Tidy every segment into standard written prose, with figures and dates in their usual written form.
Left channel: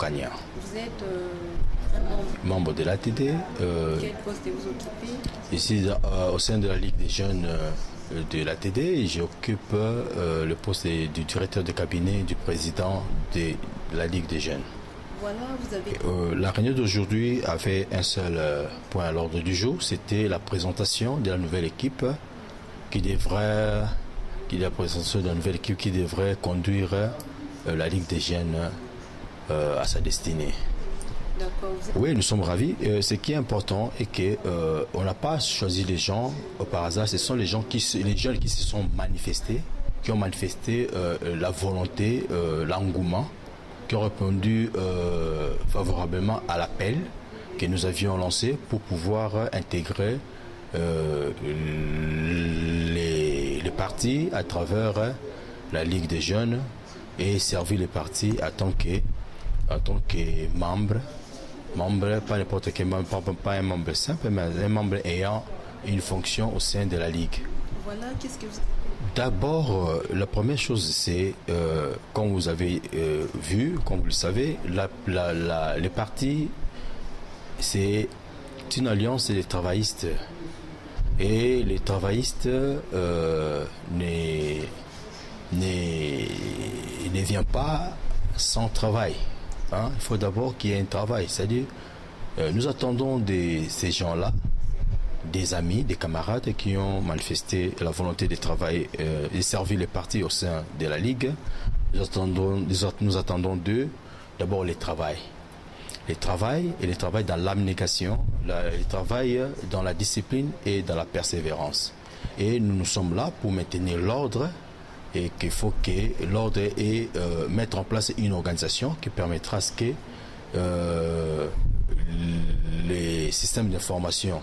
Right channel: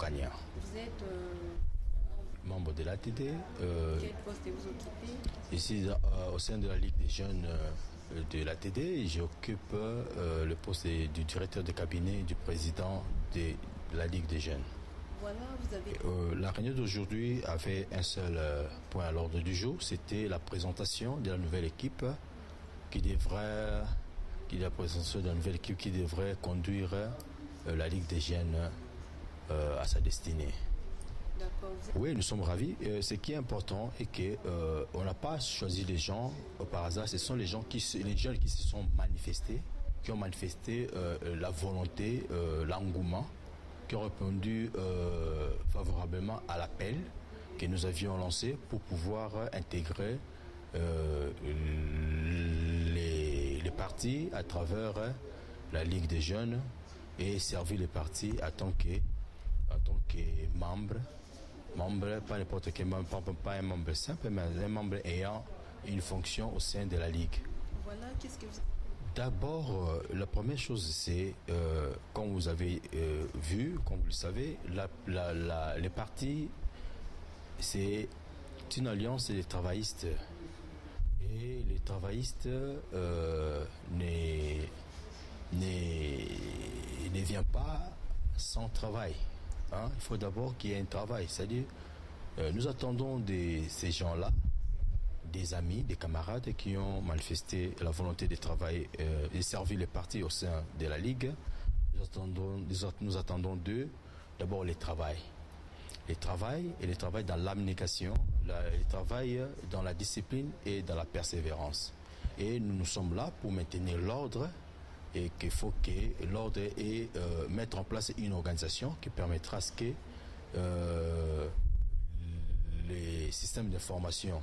Kanya. Vous êtes un Membre de l'ATD. Quel poste vous occupez? Ici, au sein de la Ligue des jeunes de l'ATD, j'occupe le poste du directeur de cabinet du président de la Ligue des jeunes. Voilà, vous avez... La réunion d'aujourd'hui avait un seul point à l'ordre du jour, c'était la présentation de la nouvelle équipe qui devrait conduire la Ligue des jeunes à sa destinée. Oui, nous sommes ravis. Ce qui est important est qu'on n'a pas choisi les gens par hasard. Ce sont les jeunes qui se sont manifestés, qui ont manifesté la volonté, l'engouement, qui ont répondu favorablement à l'appel que nous avions lancé pour pouvoir intégrer les partis à travers la Ligue des jeunes et servir les partis en tant que membre, pas n'importe quel membre, pas un membre simple, mais un membre ayant une fonction au sein de la Ligue. Voilà, qu'est-ce que vous... D'abord, la première chose, c'est, comme vous avez vu, comme vous le savez, les partis, c'est une alliance des travaillistes. Et les travaillistes ne viennent pas sans travail. Hein? Il faut d'abord qu'il y ait un travail. C'est-à-dire, nous attendons de ces gens-là, des amis, des camarades qui ont manifesté la volonté de travailler et servir les partis au sein de la Ligue. Nous attendons d'eux d'abord les travail. Les travail dans l'abnégation, les travail dans la discipline et dans la persévérance. Et nous sommes là pour maintenir l'ordre et qu'il faut que l'ordre et mettre en place une organisation qui permettra à ce que les systèmes d'information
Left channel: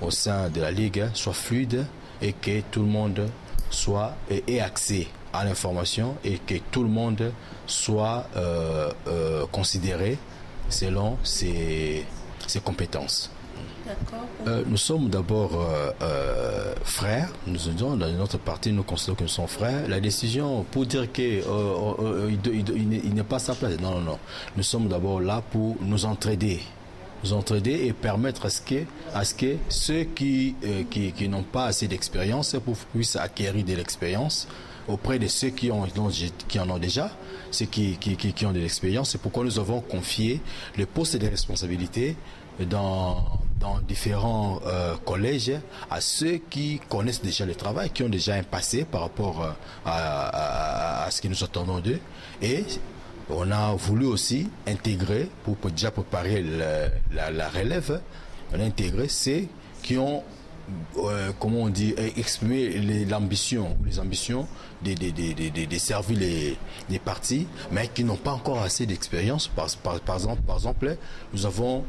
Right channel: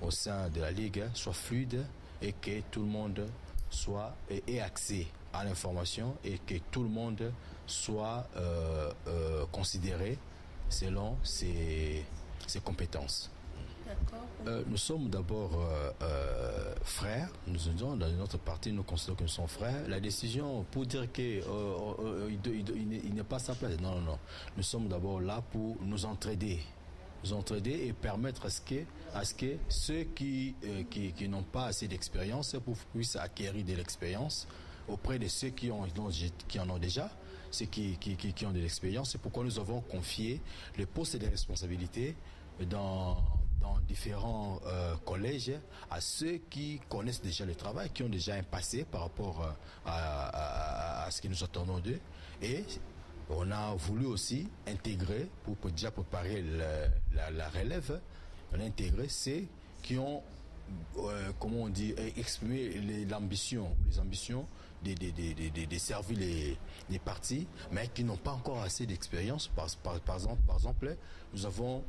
au sein de la Ligue soient fluides et que tout le monde ait accès à l'information et que tout le monde soit considéré selon ses compétences. Nous sommes d'abord frères, nous disons dans notre parti, nous considérons que nous sommes frères. La décision pour dire qu'il n'est pas sa place, non. Nous sommes d'abord là pour nous entraider et permettre à ce que ceux qui n'ont pas assez d'expérience puissent acquérir de l'expérience auprès de ceux qui en ont déjà, ceux qui ont de l'expérience. C'est pourquoi nous avons confié le poste de responsabilité dans différents collèges à ceux qui connaissent déjà le travail, qui ont déjà un passé par rapport à ce que nous attendons d'eux. Et on a voulu aussi intégrer, pour déjà préparer la relève, on a intégré ceux qui ont exprimé les ambitions de servir les partis, mais qui n'ont pas encore assez d'expérience. Par exemple, nous avons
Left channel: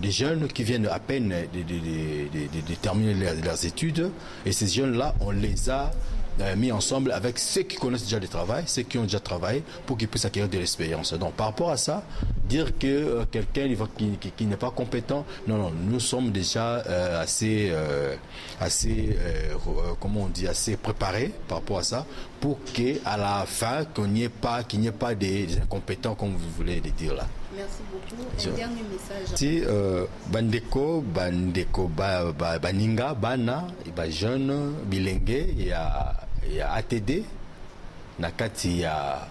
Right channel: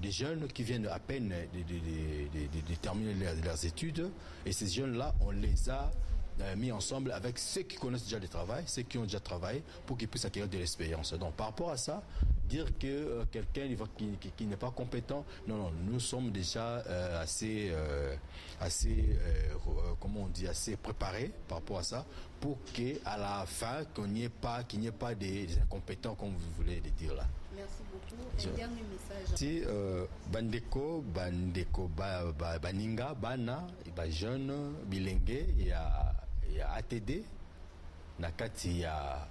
des jeunes qui viennent à peine de terminer leurs études, et ces jeunes-là, on les a mis ensemble avec ceux qui connaissent déjà le travail, ceux qui ont déjà travaillé, pour qu'ils puissent acquérir de l'expérience. Donc par rapport à ça, dire que quelqu'un qui n'est pas compétent, non, nous sommes déjà assez préparés par rapport à ça, pour qu'à la fin, qu'il n'y ait pas des incompétents, comme vous voulez le dire là. Merci beaucoup. Un dernier message. Si bandeko baninga bana jeune bilenge ya ATD na kati ya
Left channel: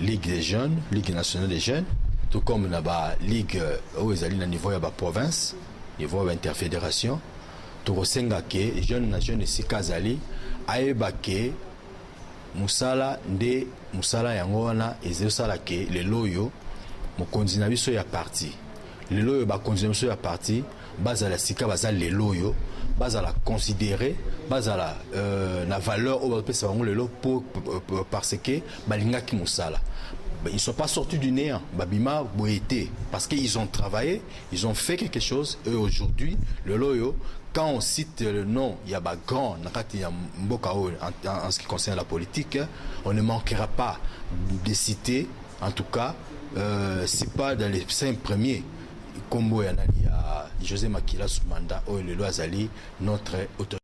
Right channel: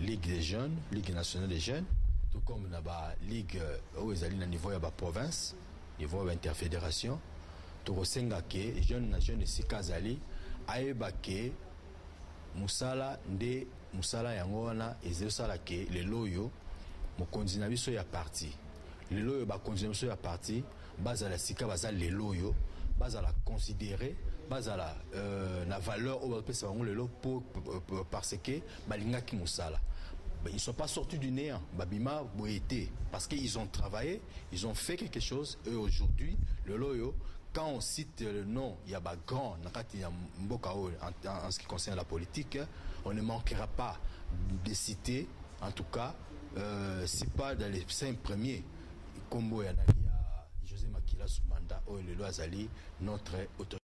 Ligue des jeunes, Ligue nationale des jeunes, tout comme na ba ligue au ezali na niveau ya ba province, niveau ya interfédération, to kosenga ke jeune na jeune esika azali ayeba ke musala yango wana ezosala ke lelo oyo mokonzi na biso ya parti lelo oyo bakonzi na biso ya parti bazala sika bazala lelo oyo bazala considéré bazala na valeur oyo bapesa bango lelo parce que balingaki mosala. Ils ne sont pas sortis du néant, babima boété, parce qu'ils ont travaillé, ils ont fait quelque chose. Et aujourd'hui, le loyo, quand on cite le nom, il y a grand en ce qui concerne la politique, on ne manquera pas de citer, en tout cas, c'est pas dans les 5 premiers. Comme il y a José Makila Soumanda, ou le Loazali, notre autorité.